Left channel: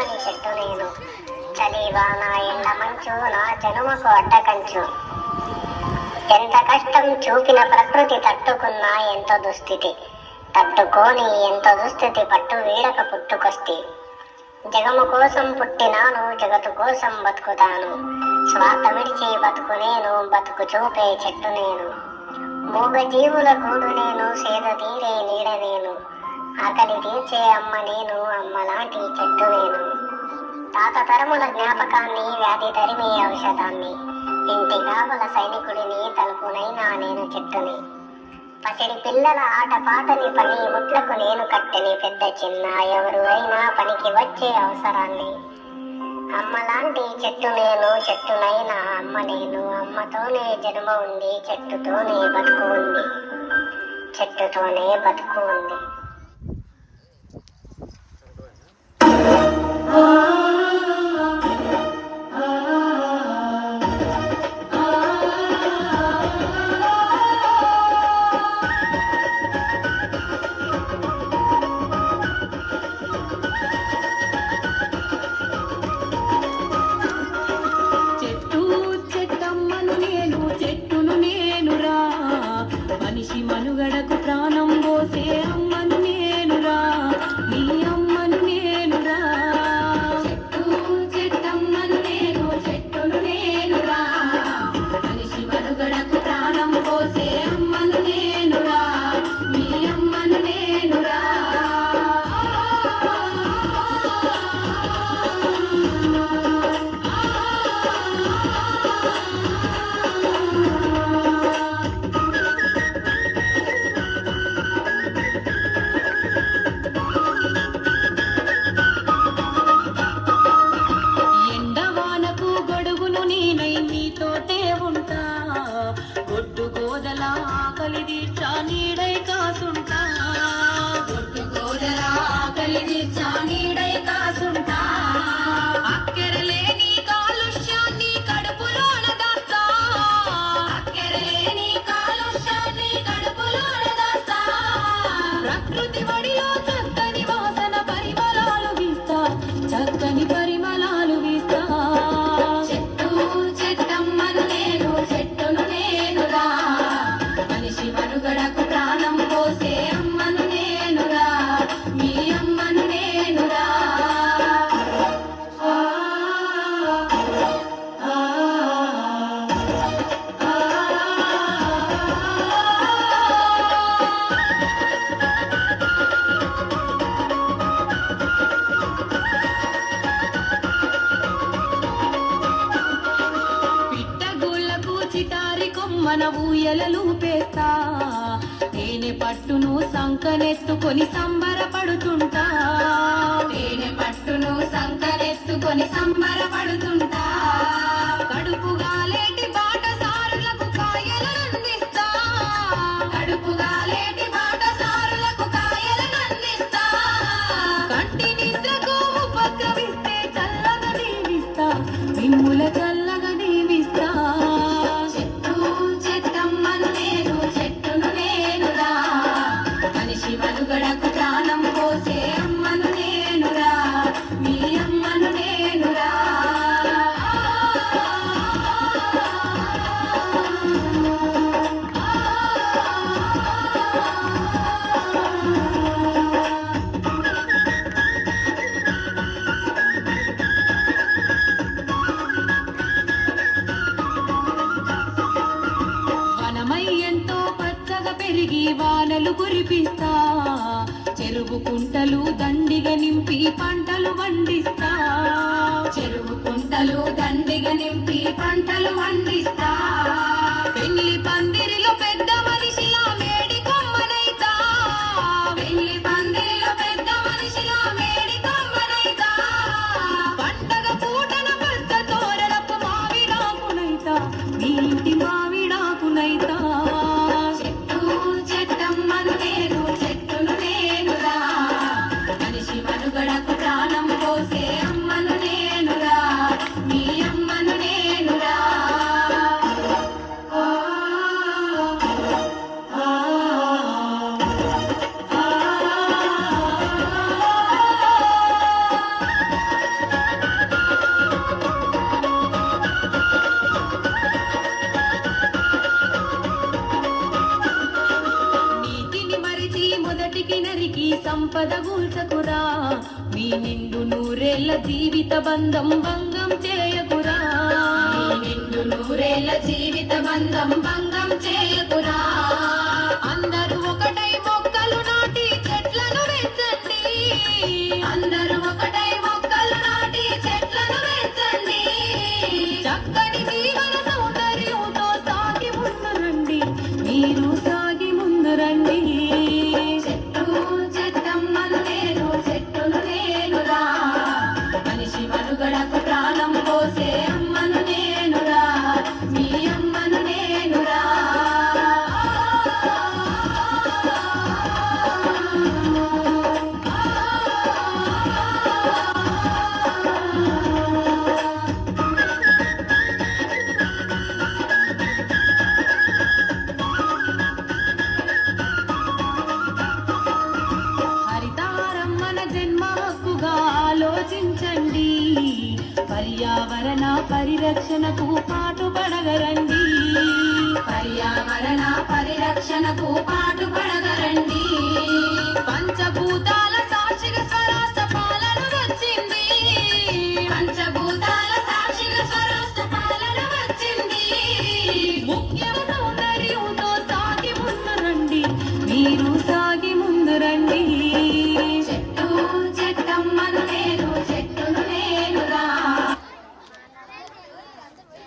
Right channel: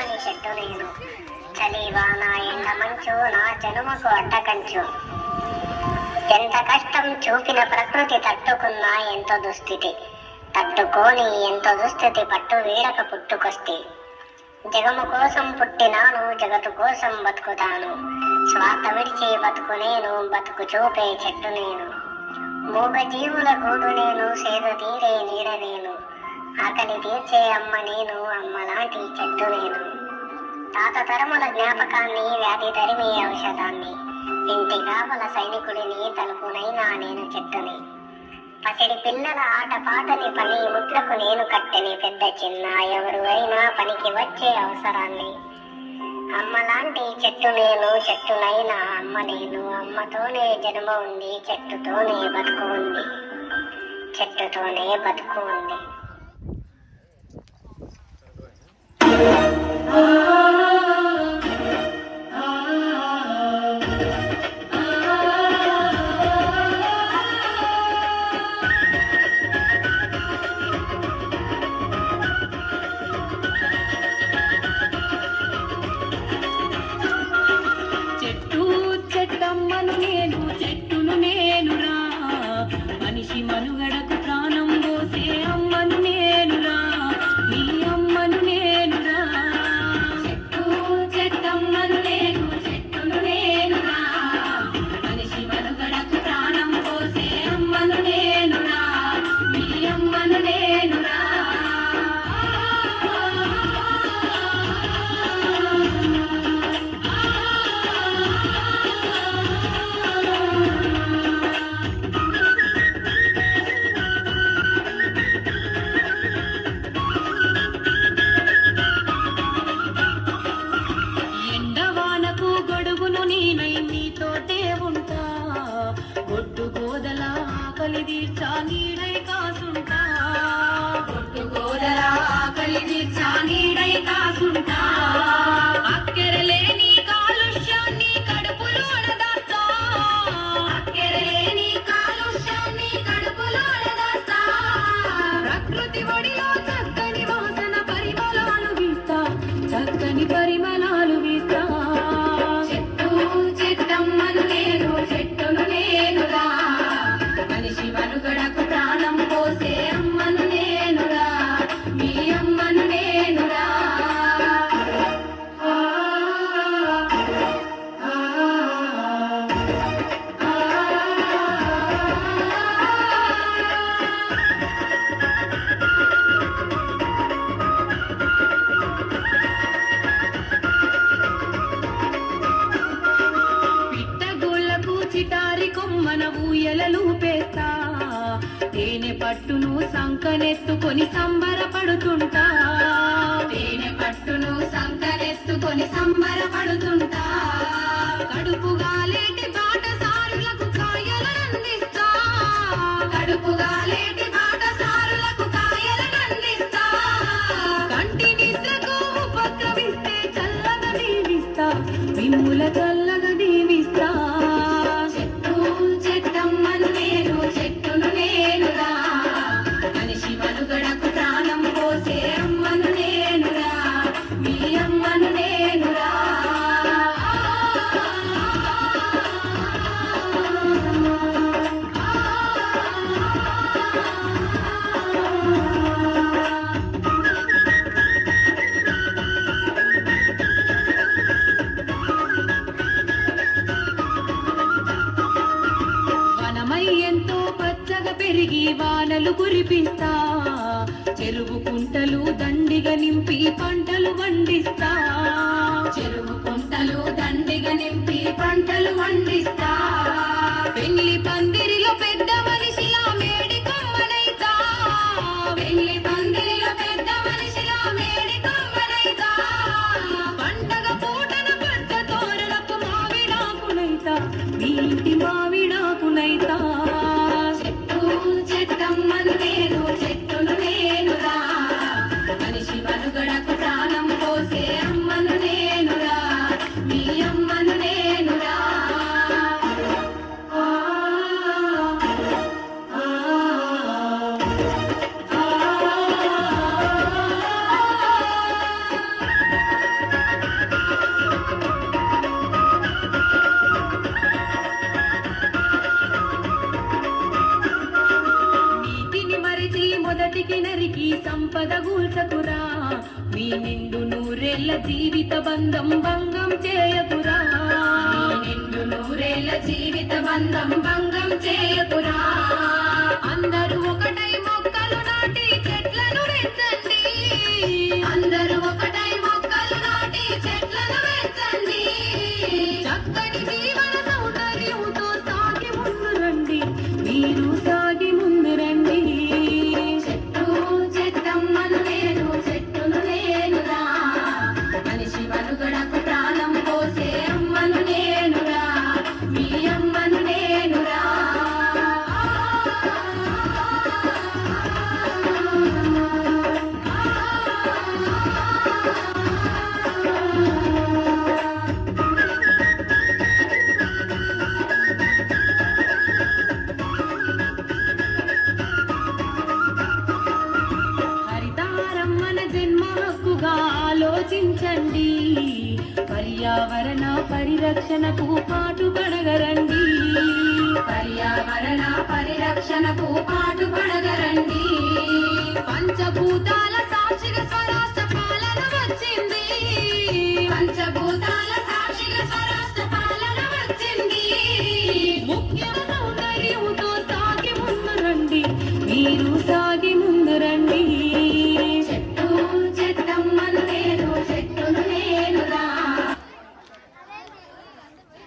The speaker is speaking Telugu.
కమ్మని చెట్టు నేను, చలి వాన ఎండ మంచు నా జనుమకు అడ్డకంచు. ఎంత కష్టం చూపిన ప్రకృతి తట్టుకున్నా ఎంతో దుస్థితి, తట్టుకోని ఎంతో దుస్థితి పట్టు వీడక పుట్టుకొస్తే. జగము కోసం పుట్టినాను, జగత్తు కోసం బతుకుతాను, స్వార్థ విడిచి బతుకు నేను, బతుకు చూపే చెట్టు నేను. మూగ జీవుల గూడు నేను, సేద తీరే నీడ నేను, ఆకలి తీర్చే అమ్మ నేను, అమ్మలాంటి చెట్టు నేను. తాత తరముల జ్ఞాపకాన్ని, వ్యాధి తరిమే ఔషధాన్ని, ఇంటి కావల సైనికుడిని, తలుపునైనా నేను చెట్టుని. పసిడి పిల్లల ఆట పాటని పని ముట్లకు నేను కట్టెని, పెద్ద చిన్న ఎవరు అయినా పనికి వచ్చే అవసరాన్ని. అమ్మలాంటి చెట్టు నేను, చెట్టునైనా అమ్మ నేను, అమ్మతోనే జన్మ ఉంది, చెట్టుతోనే బతుకు ఉంది, చెట్టుతోనే బతుకు ఉంది. మనుగడకు ప్రాణం పోసే అమ్మను నేనురా, నీ అమ్మను నేనురా. చెట్టు చెట్టమ్మను నేను, చెట్టును నేనురా, మనిషి మనుగడకు ప్రాణం పోసే అమ్మను నేనురా, నీ అమ్మను నేనురా. ఆకలి తీర్చా నీడై కాసుంటా, ఆకలి తీర్చా నీడై కాసుంటా. అక్కరలేని కాలుష్యాన్ని కడుపులోన దాస్తా, అక్కరలేని కాలుష్యాన్ని కడుపులోన దాస్తా. ప్రకృతి ఒడిలో చక్కని వాసన పరిమళాలు వీస్తా, చక్కని పరిమళాలు వీస్తా. చెట్టు చెట్టమ్మను నేను, చెట్టును నేనురా, మనిషి మనుగడకు ప్రాణం పోసే అమ్మను నేనురా, మీ అమ్మను నేనురా. పిట్టగోళ్లకు చిటారి కొమ్మన ఊయలలు పేస్తా, తేనె పట్టును సంకనెత్తుకొని సంబరపడుతుంటా, తేనె పట్టును సంకనెత్తుకొని సంబరపడుతుంటా. కడుపుగా లేటి బాటసారులకు కాయలనందిస్తా, కడుపుగా లేటి బాటసారులకు కాయలనందిస్తా. కంటి నిద్రకు ఉపద్రవిస్తే చల్లగా దీవిస్తా, మిమ్ముల చల్లగా దీవిస్తా. చెట్టు చెట్టమ్మను నేను, చెట్టును నేనురా, మనిషి మనుగడకు ప్రాణం పోసే అమ్మను నేనురా, మీ అమ్మను నేనురా. వనమై ఎంతో పచ్చగా పెరిగి వానలు కురిపిస్తా, చెరువు కుంటలు దండిగా నింపి పంటలు వండిస్తా, చెరువు కుంటలు దండిగా నింపి పంటలు వండిస్తా. పెళ్లి పందిరిలో పెద్ద మనిషిలా మేడి కొమ్మనైతా, పెళ్లి పందిరిలో పెద్ద మనిషిలా మేడి కొమ్మనైతా. పండగ పూటల పచ్చ తోరణపు మావిడాకునైతా, మీ ఇంటి మావిడాకునైతా. చెట్టు చెట్టమ్మను నేను, చెట్టును నేనురా, మనిషి మనుగడకు ప్రాణం పోసే అమ్మను నేనురా, మీ అమ్మ సంపద గూల్చకురా మీ నిండు నూరేళ్ల జీవిత బంధం భంగం చేయకురా మీ నిండు నూరేళ్ల జీవిత బంధం భంగం చేయకురా అందరూ ఒకటై మొక్కలు నాటి చెట్లను పెంచండి అందరూ ఒకటై మొక్కలు నాటి చెట్లను పెంచండి చక్కని జీవన సౌందర్యంతో సాగి ముందు రండి మీరు సాగి ముందు రండి చెట్టు చెట్టమ్మను నేను చెట్టును నేనురా మనిషి మనుగడకు ప్రాణం పోసే అమ్మను నేనురా మీ అమ్మను నేనురా హరితహారం మన జన్మ హక్కుగా ఆలోచించండి పర్యావరణ పరిరక్షణకు పాటుపడగరండి పర్యావరణ పరిరక్షణకు పాటు